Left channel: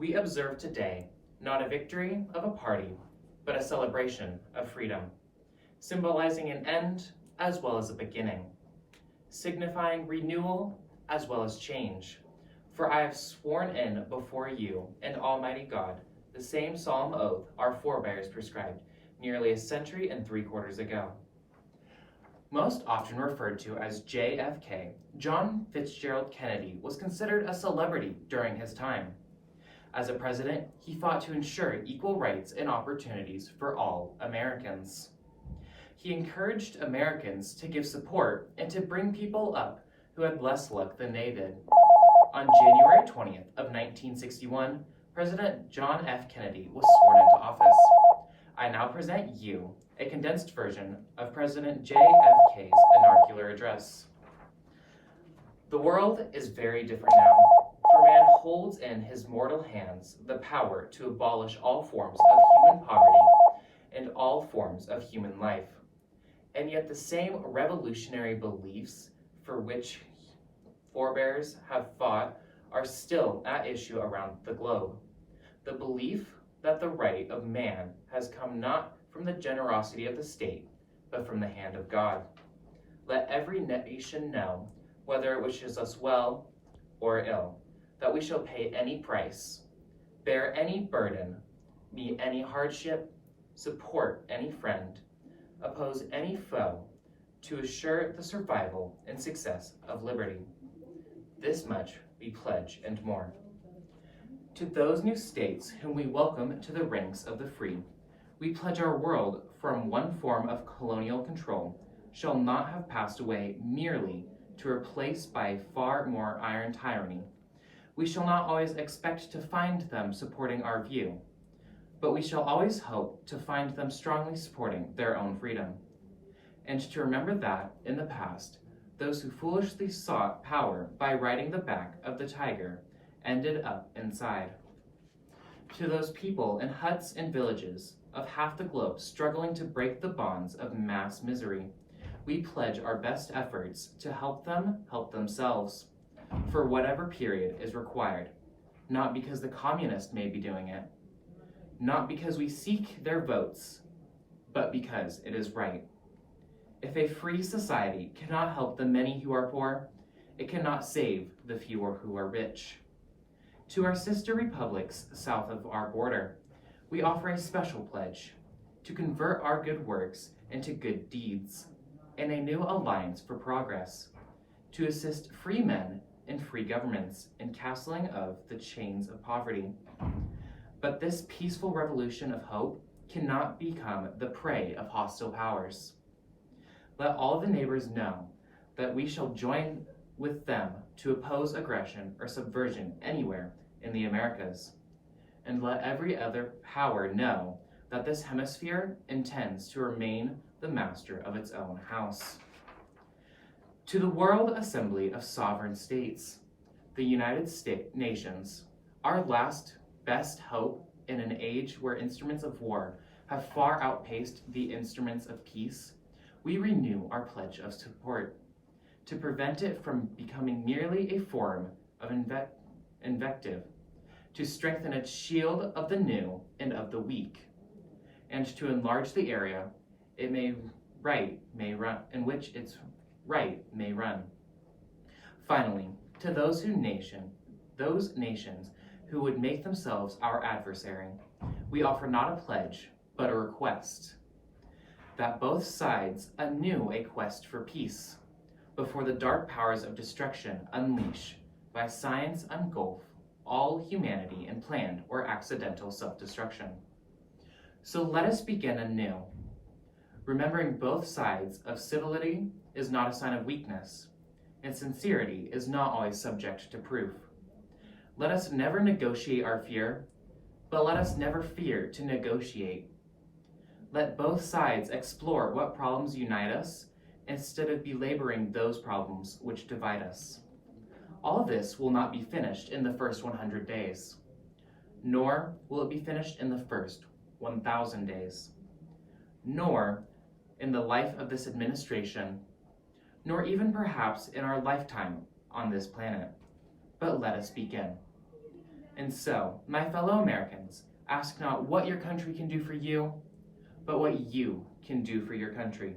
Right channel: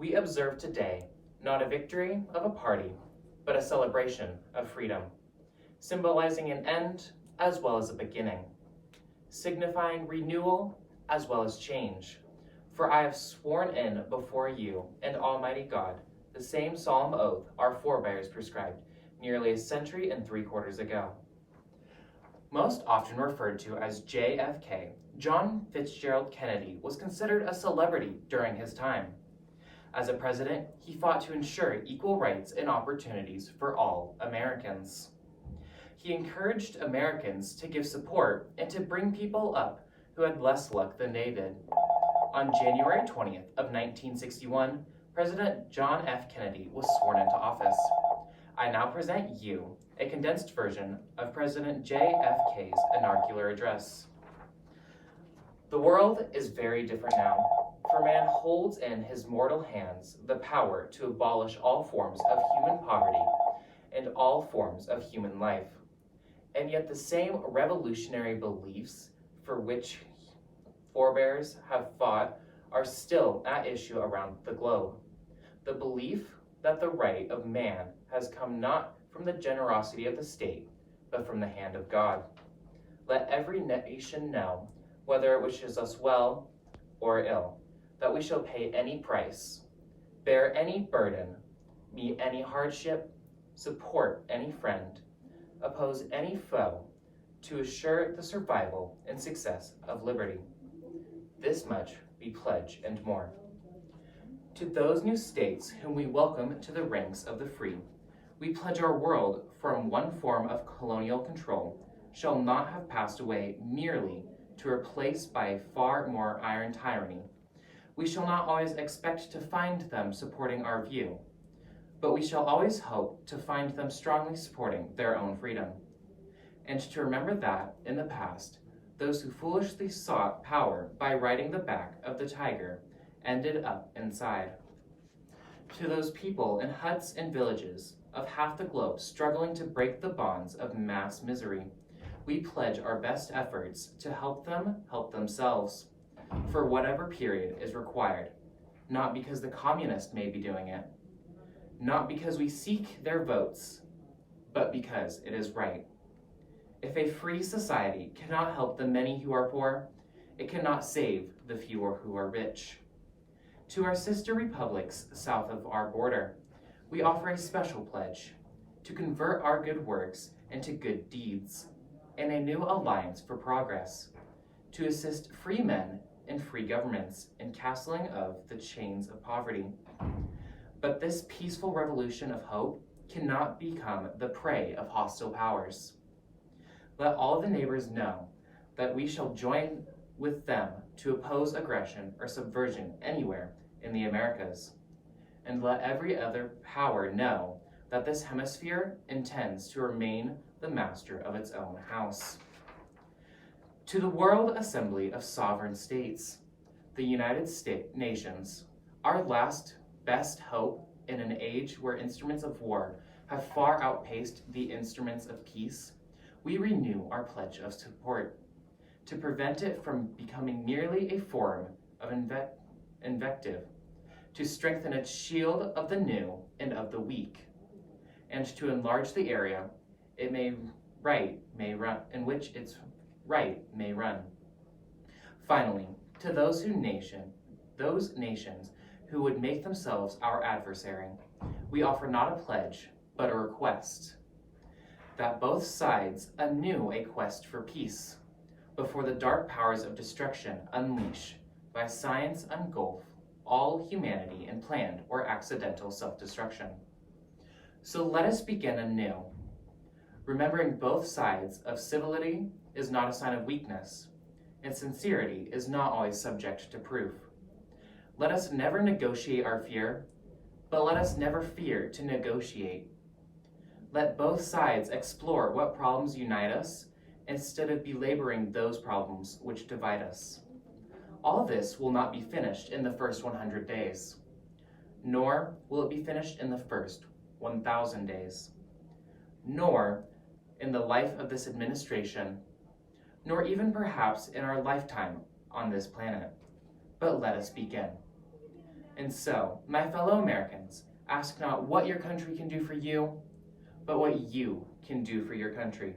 We observe today not a victory of a party, but a celebration of freedom, symbolizing an end as well as a beginning, signifying renewal as well as change. For I have sworn in before you and Almighty God the same solemn oath our forebears prescribed nearly a century and 3/4 ago. Most often referred to as JFK, John Fitzgerald Kennedy was considered a celebrity during his time. As a president, he fought to ensure equal rights and opportunities for all Americans. He encouraged Americans to give support and to bring people up who had less luck than they did. On January 20th of 1961, President John F. Kennedy was sworn into office. I now present you a condensed version of President JFK's inaugural address. The world is very different now, for man holds in his mortal hands the power to abolish all forms of human poverty and all forms of human life. And yet the same revolutionary beliefs for which forebears have fought are still at issue around the globe. The belief that the right of man has come not from the generosity of the state, but from the hand of God. Let every nation know, whether it wishes us well or ill, that we shall pay any price, bear any burden, meet any hardship, support any friend, oppose any foe, to assure the survival and success of liberty. This much we pledge and more. To those new states whom we welcome to the ranks of the free, we pledge our world from one form of colonial control shall not have passed away merely to replace by far more iron tyranny. We shall not always expect to find them supporting our view, but we shall always hope to find them strongly supporting their own freedom, and to remember that, in the past, those who foolishly sought power by riding the back of the tiger ended up inside. To those people in huts and villages of half the globe struggling to break the bonds of mass misery, we pledge our best efforts to help them help themselves, for whatever period is required, not because the communists may be doing it, not because we seek their votes, but because it is right. If a free society cannot help the many who are poor, it cannot save the few who are rich. To our sister republics south of our border, we offer a special pledge to convert our good works into good deeds and a new alliance for progress, to assist free men and free governments in castling of the chains of poverty. But this peaceful revolution of hope cannot become the prey of hostile powers. Let all the neighbors know that we shall join with them to oppose aggression or subversion anywhere in the Americas. And let every other power know that this hemisphere intends to remain the master of its own house. To the World Assembly of Sovereign States, the United Nations, our last best hope in an age where instruments of war have far outpaced the instruments of peace, we renew our pledge of support to prevent it from becoming merely a form of invective, to strengthen its shield of the new and of the weak, and to enlarge the area in which its right may run. Finally, to those nations who would make themselves our adversary, we offer not a pledge, but a request, that both sides anew a quest for peace, before the dark powers of destruction unleash, by science engulf all humanity in planned or accidental self-destruction. So let us begin anew, remembering both sides of civility is not a sign of weakness, and sincerity is not always subject to proof. Let us never negotiate our fear, but let us never fear to negotiate. Let both sides explore what problems unite us instead of belaboring those problems which divide us. All this will not be finished in the first 100 days, nor will it be finished in the first 1,000 days, nor in the life of this administration, nor even perhaps in our lifetime on this planet. But let us begin. And so, my fellow Americans, ask not what your country can do for you, but what you can do for your country.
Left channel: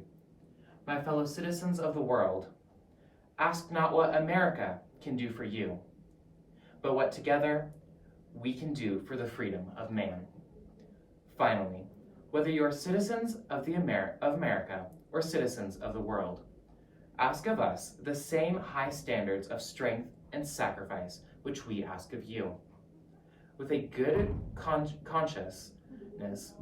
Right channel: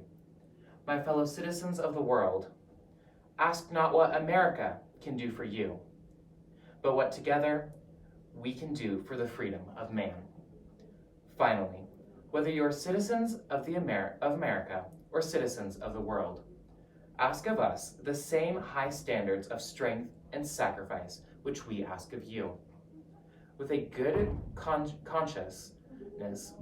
My fellow citizens of the world, ask not what America can do for you, but what together we can do for the freedom of man. Finally, whether you are citizens of America or citizens of the world, ask of us the same high standards of strength and sacrifice which we ask of you. With a good consciousness,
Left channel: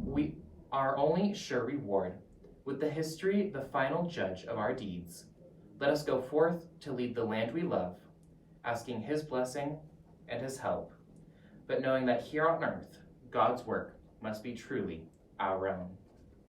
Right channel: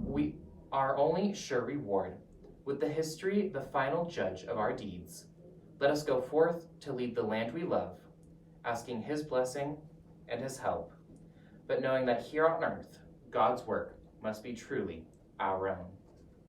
we our only sure reward, with the history the final judge of our deeds, let us go forth to lead the land we love, asking his blessing and his help, but knowing that here on earth, God's work must be truly our own.